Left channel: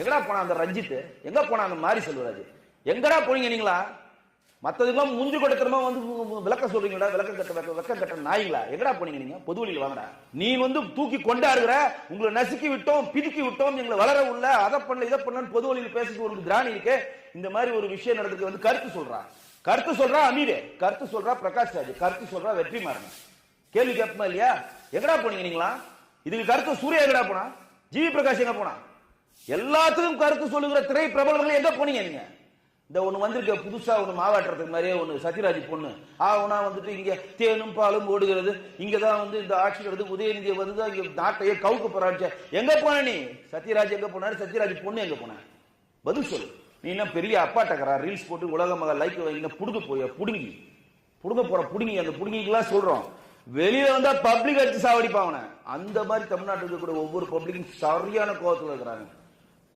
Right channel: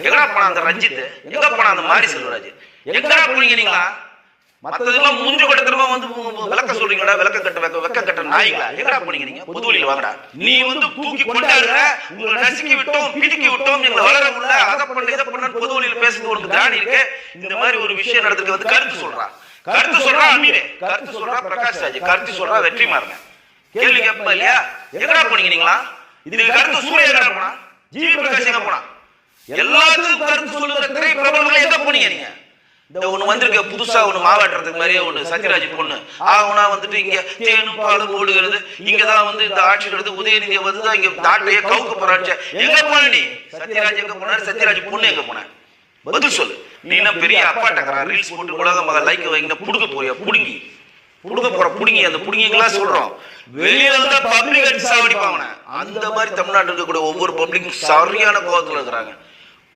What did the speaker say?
எங்கடா போன அந்த ரஞ்சித், எங்க போன அந்த மாரி செல்வராஜ், எங்கடா போனீங்களா? மத்ததெல்லாம் மூஞ்சி கட்டமா வந்து விளக்க சொல்றீங்களா? விளக்க கட்ட நாய்களா? எங்கடா போனீங்க நீங்க? பொது வழியில வாங்கடா. நீ வந்து தூக்கி கொண்டாடுற, உங்களை நசுக்கி விட்டோம், பிடிக்கி விட்டோம், நீங்க வளர உள்ள அதை பண்ண இதை பண்ணு பொது வழியில் பேசுறது ஒரு திராணிக்கு இந்த மாதிரி ஒரு விஷயம் நடக்குது வந்து கருத்து சொல்றான். கருத்து சொல்றா அமீர், கருத்து சொல்றா பிரகாஷ் ராஜ், கருத்து சொல்றா வெற்றிமாறன். கேள்வி கேட்பா இல்லையா? எங்கடா போனீங்க நீங்களா? இதுக்கு கருத்து சூர்யா எங்கடா போனா? ஜி பிரகாஷ் எங்க போனா? எல்லாத்துக்கும் கருத்து சொல்லுகிற திரை பிரபலமா எங்க போனீங்க நீங்க? இந்த ஒண்ணு வந்திருக்க புதுசா ஒண்ணு மாவட்டத்துக்கு மாதிரி ஒண்ணு சத்யராஜ் பொண்ணு ஆகனா வந்துட்டு இங்க தேனும் பாலும் ஓடுகிறது, இங்கதான் வந்து இந்த ஆட்சி எடுத்து உதயநிதி வந்து இங்க நாட்டை கவுக்க போறாச்சு. எங்க போன நீ? சத்யராஜ் எங்க போன? சத்யராஜ் பொண்ணு எங்க போன? பதில் சொல்லு. நீ என்ன பெரிய அப்பாட்டக்கறா? ரீல்ஸ் போட்டு உலகம் லைக் வைங்க, புடுங்க போறியா? புடுங்கி புடுங்க போற புடுங்கி அந்த புடுங்கிலாம் சொல்றோம். வெளியே வந்தா பப்ளிக் எடுத்து சாவடிப்பாங்க. அந்த மாதிரி தமிழ்நாட்டில் இருக்கக்கூடிய ஒவ்வொரு பப்ளிக் சரியான கோபத்துல இருக்கிறாங்க.